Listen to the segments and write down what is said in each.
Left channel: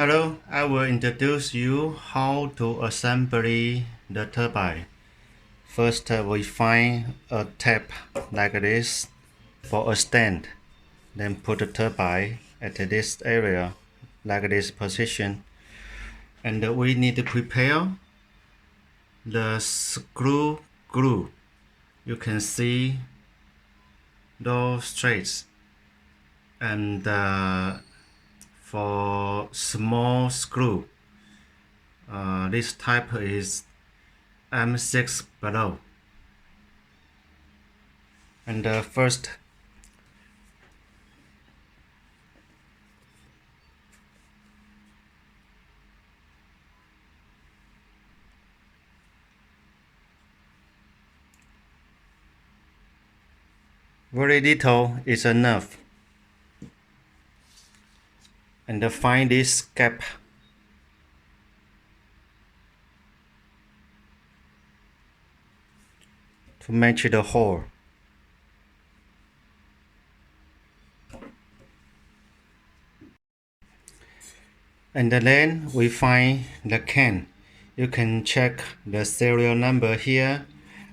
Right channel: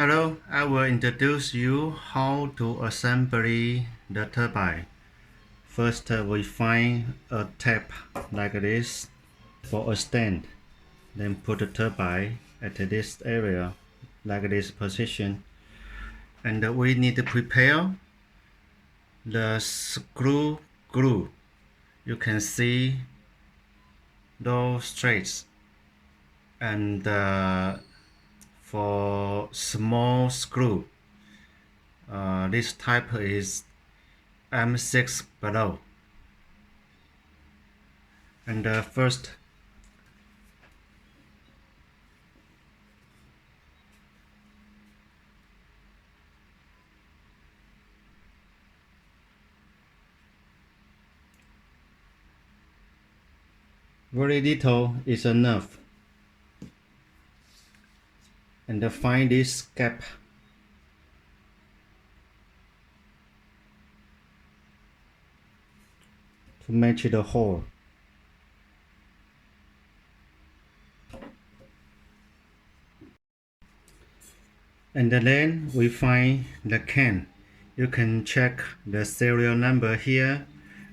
Hello, I will introduce you how to assemble the turbine. First, we find a tap like this for a stand. Then put the turbine at this area, like this position. And we need to prepare the screw glue. You can see those threads. And for small screw, this type is M6 below. And first, very little is enough. And find this gap. To match the hole. And then we find the can. You can check the serial number here,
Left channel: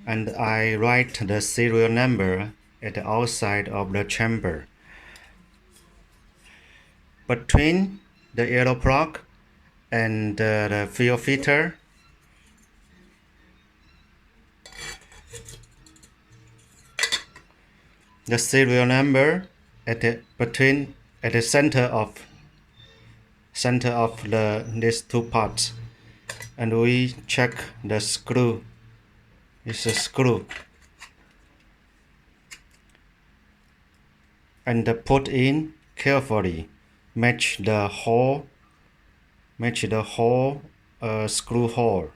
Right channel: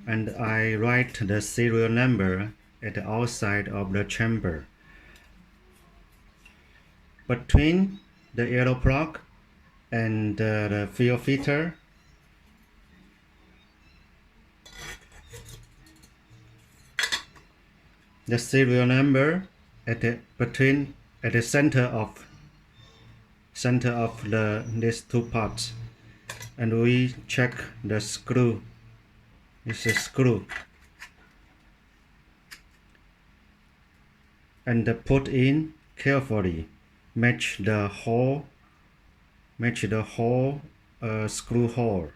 and I write the serial number at the outside of the chamber. Between the yellow plug and the fuel filter, the serial number at the center of these two parts, and we check the screw. It's a screw, and put in carefully. Match the hole screw hole.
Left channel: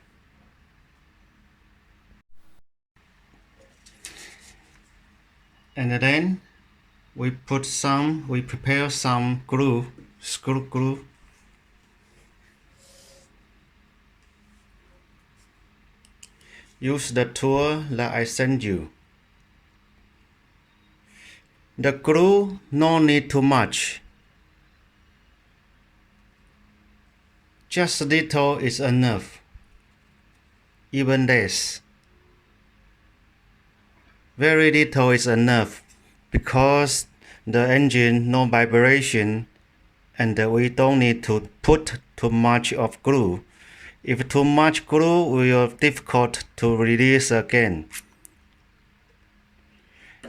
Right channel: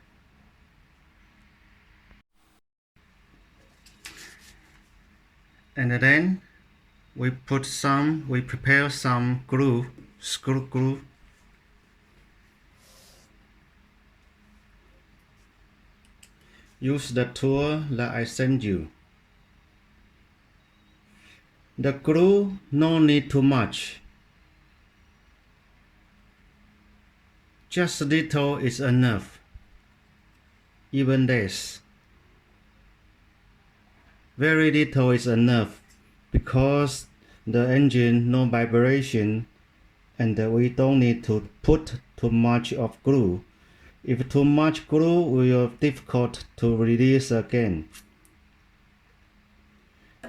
And then we prepare some screw glue. Use the tool that I sent you. The glue no need too much. Just little is enough. Even less. Very little is enough because the engine no vibration, and we don't need to put too much of glue. If too much glue will be difficult to release again.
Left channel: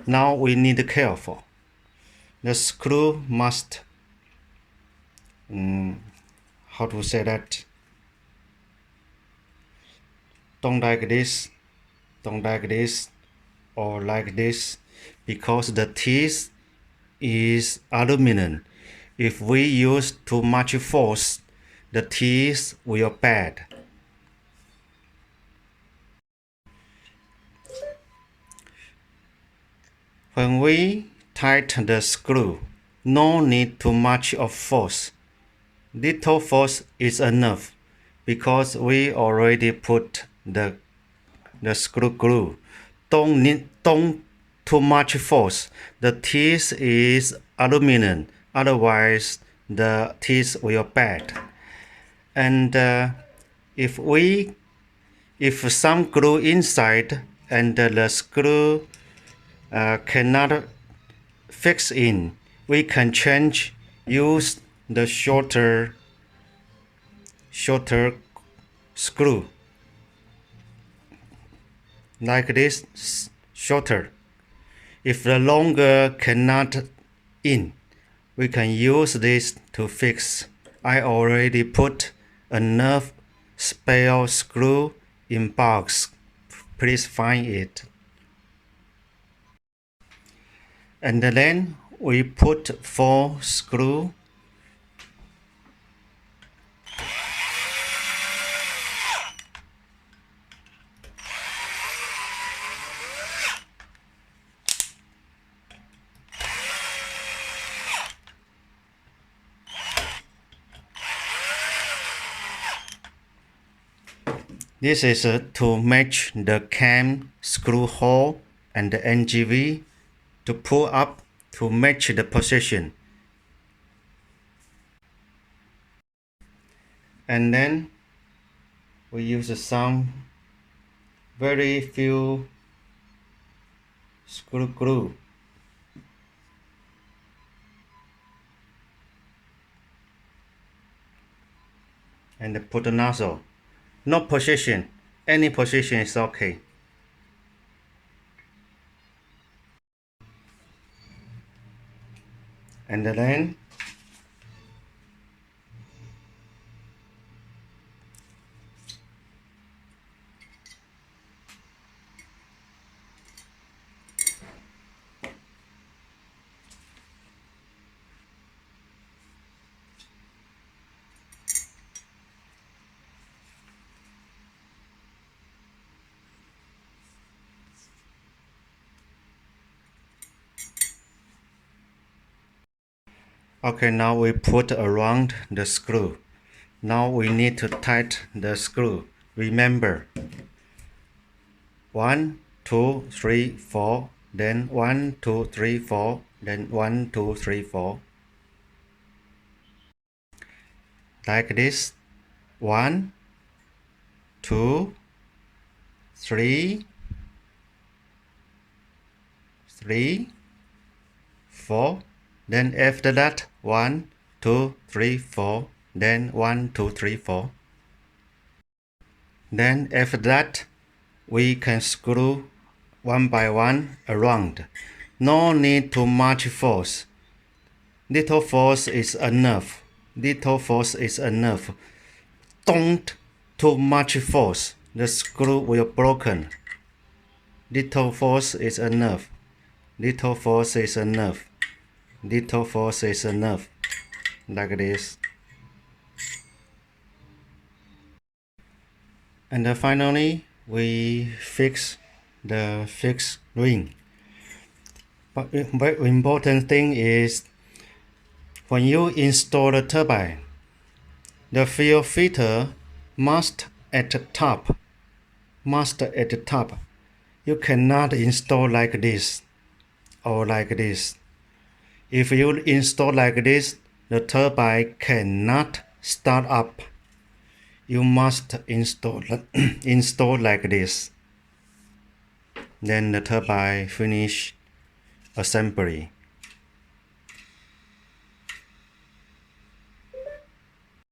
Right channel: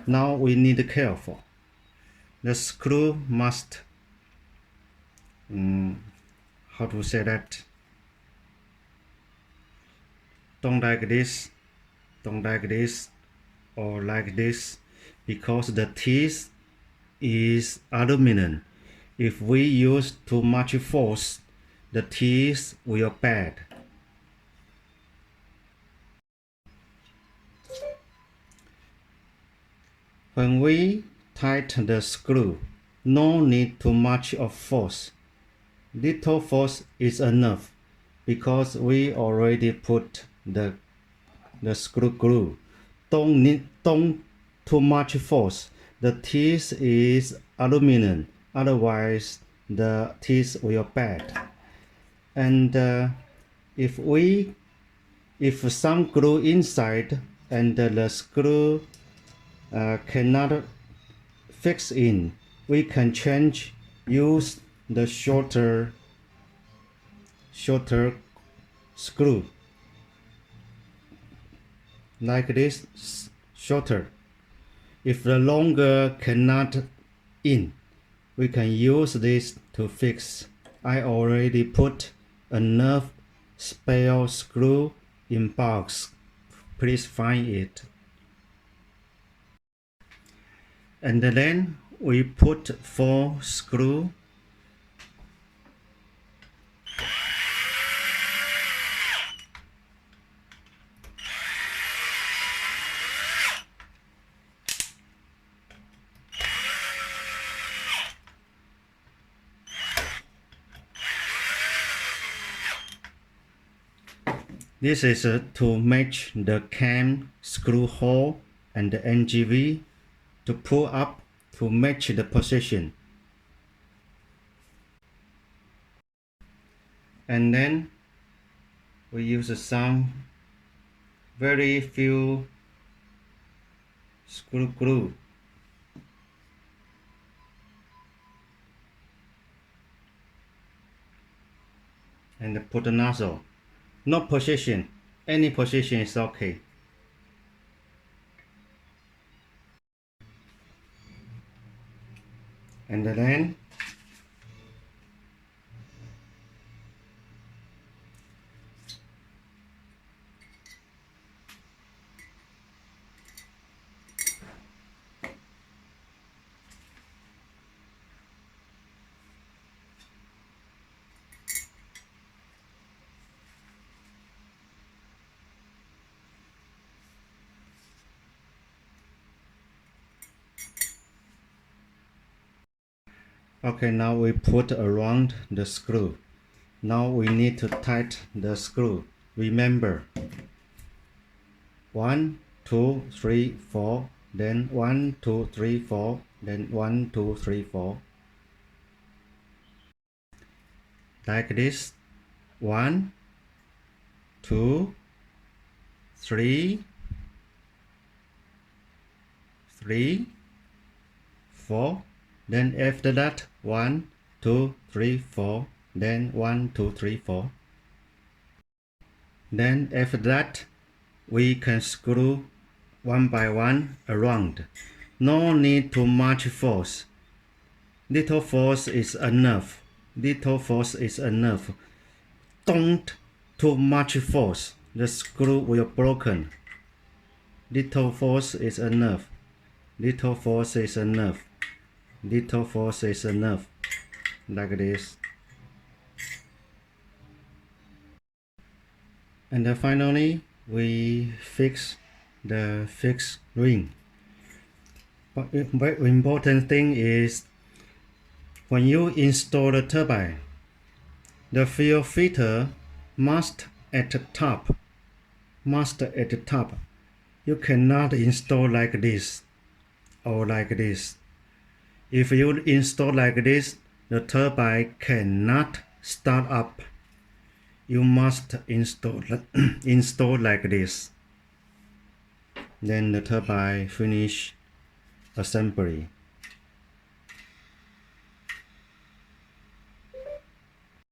Now we need to be careful. The screw must how to say that? Don't like this, or like this, because the teeth is aluminum. If we use too much force, the teeth will bad. When we tighten the screw, no need too much of force. Little force is enough because we already put the screw glue. Don't too much force. The teeth is aluminum, otherwise the teeth will bad. And if some glue inside and the screw cannot fix in, we can use the shorter screw, like this, shorter. If the longer cannot in, we can use this to fix. I already put enough spare screw in box. Please find it. And then we put 4 screws. This is to match the cam screw hole and the NGV to pull up to match the position. and then we use some very few screw glue and put the nozzle. No position, any position is okay. And then okay, now we put around the screw. Now we need to tighten the screw. Remember, 1, 2, 3, 4, then 1, 2, 3, 4, then 1, 2, 3, 4. Like this. 1, 2, 3, 3, 4. Then after that, 1, 2, 3, 4. Then 1, 2, 3, 4. Then after that, we can screw one by one around. No need to much force. Little force is enough. Little force is enough. Don't too much force. The screw will broken. Little force is enough. Little force is enough. Little force is enough. Like this. And then finally, we fix the fixed ring. But very important thing is when you install the turbine, the fuel filter must at the top. Must at the top. You cannot install like this or like this. If you install like this, the turbine cannot start up. You must install install like this. Then the turbine finish assembly.